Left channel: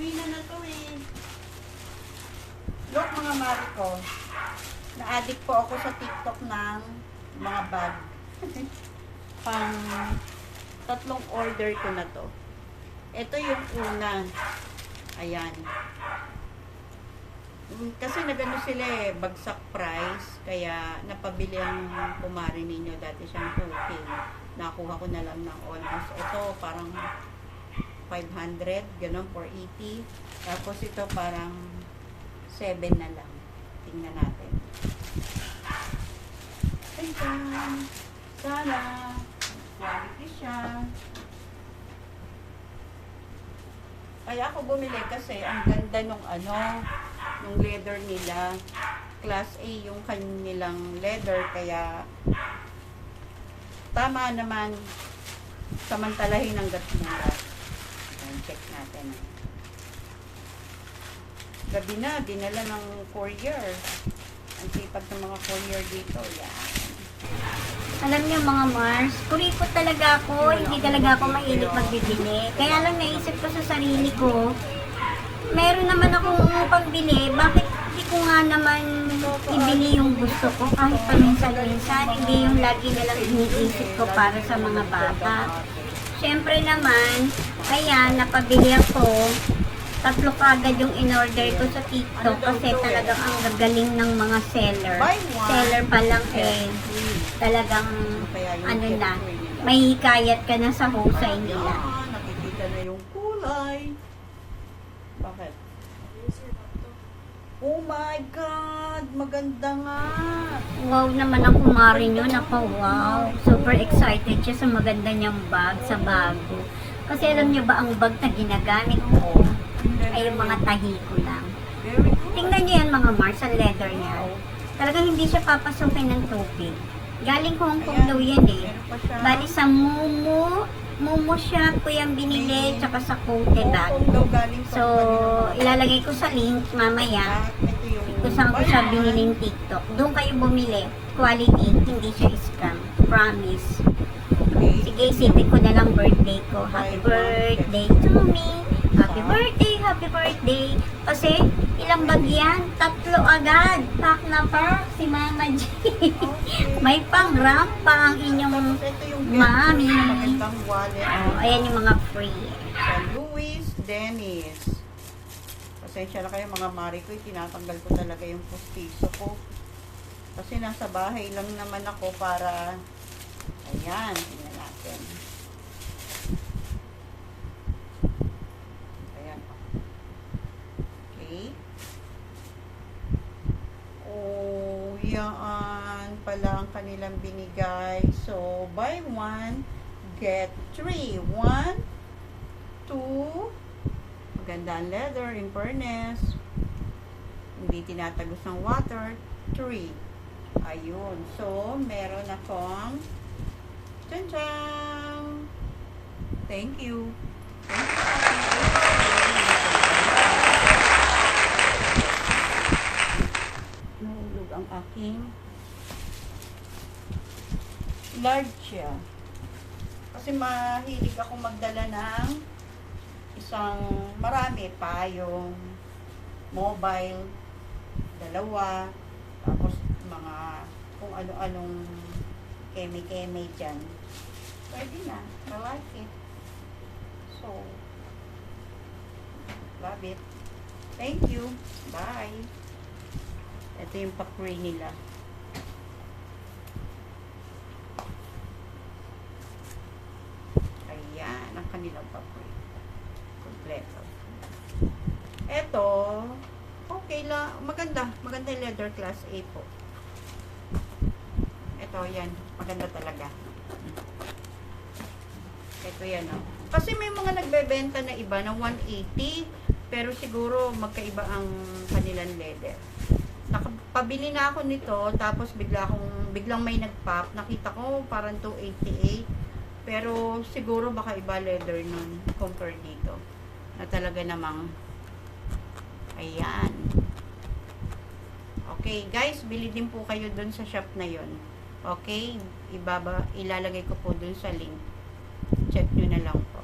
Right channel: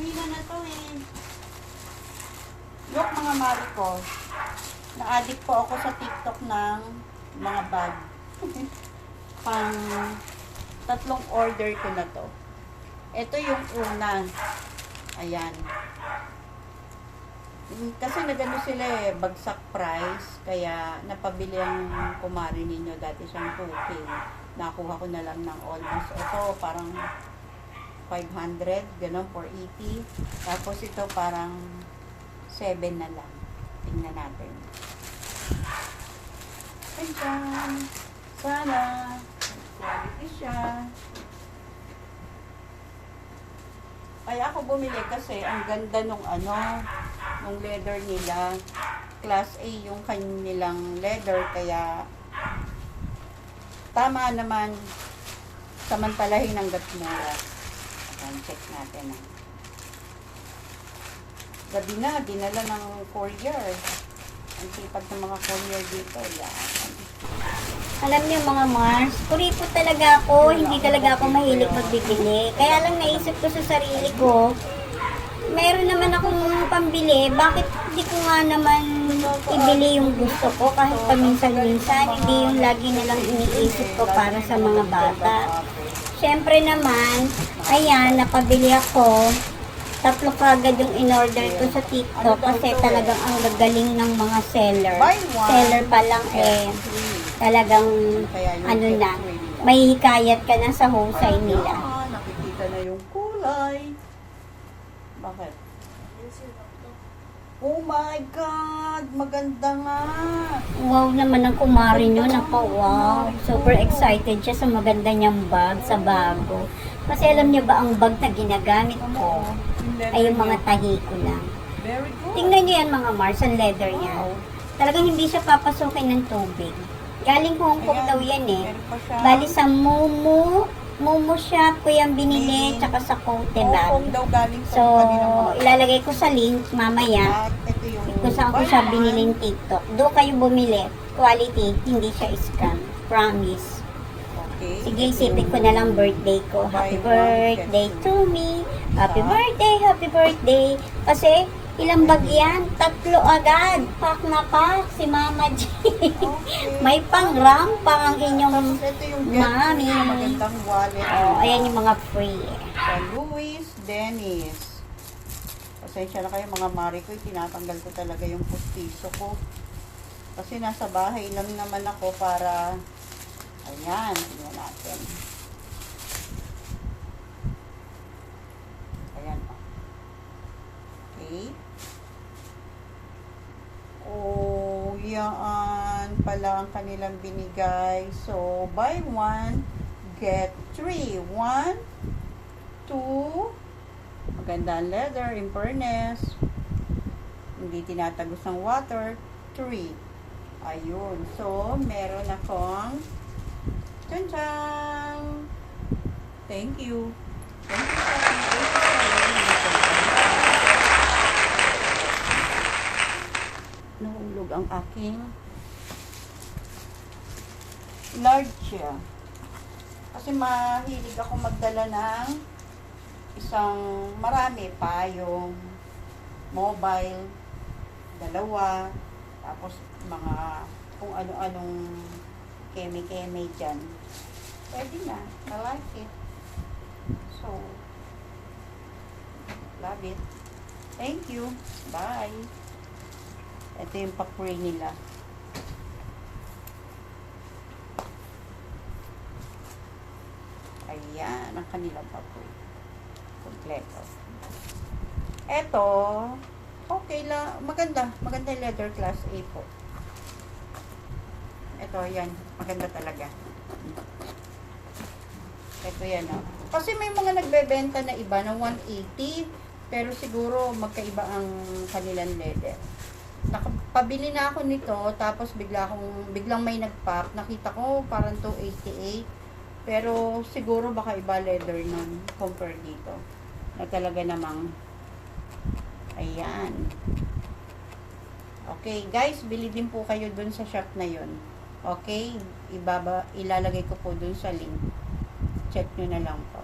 Uwi na to eh. Look mga mari ko. Na-addict po ako sa TikTok ng mga bag. Pang tatlong order ko na to. Ito yung una. Ayan. Kasi nagano sila eh, bagsak price. Kaya napabili ang kumari ninyo. Dati siyang 2K. Nakuha ko na lang ng almost. Ito parang 500. Ganon, 480. Tapos ito parang 7 na lang. Tingnan natin. Ayan. Sana. Quality siya. Kaya ako bumili kasi ang ganda nung nung leather nila. Class A yung kanilang leather. Kaya tama naman samantalahin ang gatmura. Check natin. Gabi na, dinala ng courier. Ang sipag ng mga courier dito. Yan. Alam niyo mga Mars, kuripot talaga ako, hindi talaga ako mahilig magbibili. Kaya lang naisip ko sa sarili ko, meron naman akong pambili, bakit hindi ko nga naman ibili yung gusto ko kahit paminsan-minsan, hindi yung lagi nalang iniisip ko para sa mga bata. Siyempre naman, ayan, napabili ako. 3 kagad yung in-order ko sa TikTok kasi talagang ang gagaling ng mga seller. Seller pa lang eh, talagang na, may hikayat ka na sa husay nila. Nakikita na yung kulay. Bakit? Oh my God! Maganda nga! Wow naman ang kumari nyo, wow. Super excited siya sa maganda niyang bag, sa bago. Kasi alam niyo ba ang bag na ginagamit ko ay yung mga tahi ko lang. Tingnan niyo yan mga Mars, ang leather niya. Talagang hindi siya papasukin ng tubig. Galing Hong Kong daw yan eh. Bali sa Momo shop ko yung binili, tsaka sa Cote bag. So, ilalagay ko sa link mamaya kung saan ko siya biniling TikTok. Doon kayo bumili. Quality, hindi siya scam. Promise. Sige, isipin ko na lang birthday ko. Happy birthday to me. Happy birthday, happy birthday. Kasi, ilang bag yan? 3 agad. Pack na pack si Mama G. May pang-rampa ang inyong mami. Magandang wallet. Oh, ayan yung mga free. Sa Louis Dennis. Pasensya na kayo mga mari ko. Tinatanggal ko talaga yung pustiso ko. Kasi nasa bahay lang naman ako para... Ayan, tingnan natin. Ayan. Okay. Oh, yan pala ang kanilang binigay. So, buy 1, get 3. 1, 2. Maganda ang leather, in fairness. Hindi tinatagos ng water. 3. Ayun. So, meron akong tchan! Thank you. Nahulog ang aking large siya. Kasi mahilig ako magdala ng marami pa yung mobile, 2, tapos mga kung ano-anong keme-keme dyan. Pwede na. I like it. So, love it. Thank you. Bye. Ito yung pakuri nila. Ayan, ang kanilang pakuri. Kompleto. Ito, okay lang. Maganda. Maganda yung leather class A po. Ito, yan. Maganda talaga. Ito yan, oh. Kasi may mga nagbebenta na iba na 180, pero siguro magkaiba ang kanilang leather. Nakapabili na ako nito, tapos biglang may nag-pop. Nakita ko parang 288, pero siguro baka iba leather nun compare dito. Na talaga namang, ayan. Okay, guys, bili din po kayo dun sa shop na yon. Okay, ilalagay ko po dun sa link. Check nyo na lang po.